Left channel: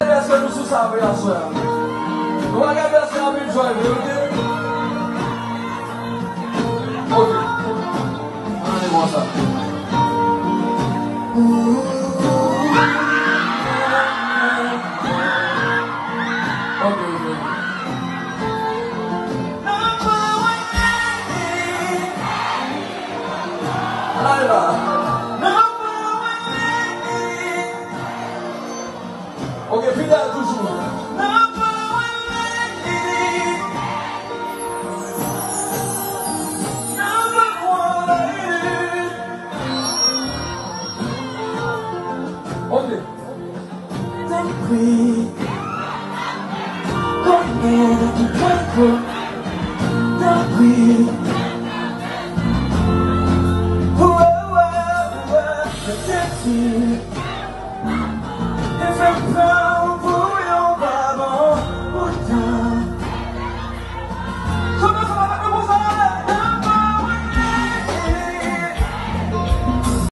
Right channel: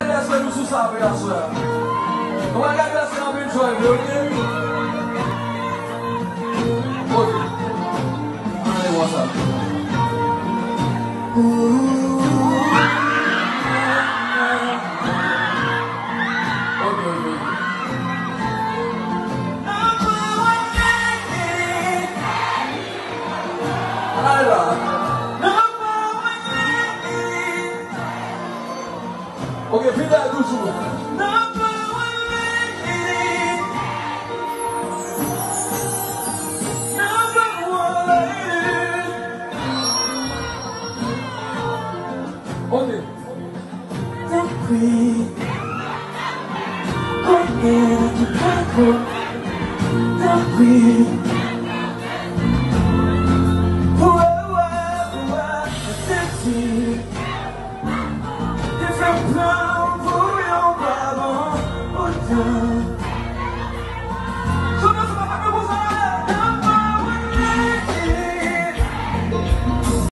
That's what you sabe, sir. No one got that I've been trying to do. Okay. What's up? Okay, pick that Gucci one. Okay. Don't be. Oh, no, you can't go.